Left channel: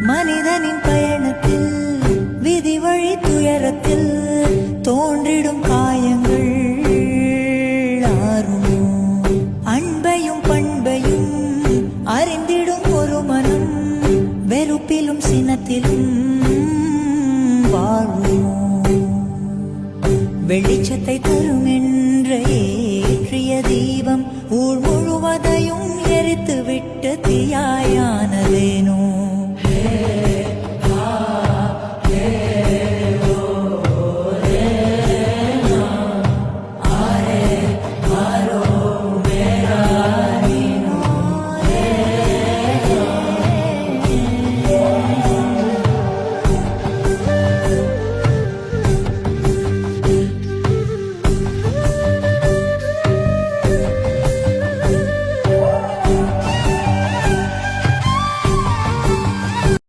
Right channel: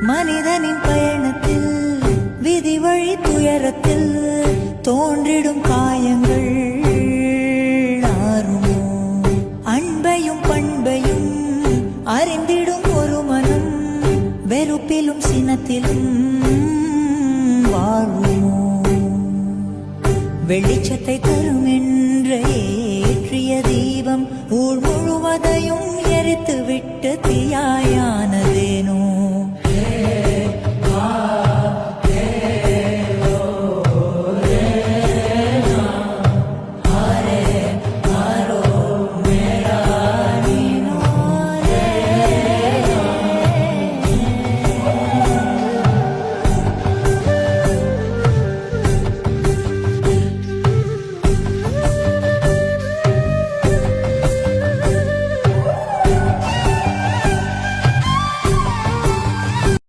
மனிதனின் பயணத்தில் விதி வழி துயரத்தில் தோன்றிடும் காயங்கள் ஆறுமோ? அன்பையும் பண்பையும் அறிந்திடும் ஒரு மனம் வெறுப்பிலும் சினத்திலும் வாழுமோ? வெளிச்சத்தை தரும் என்ற ஏற்றிய தீபம் ஊர் முழுவதையும் எரித்து விட்டு தீயாயானதேனோ?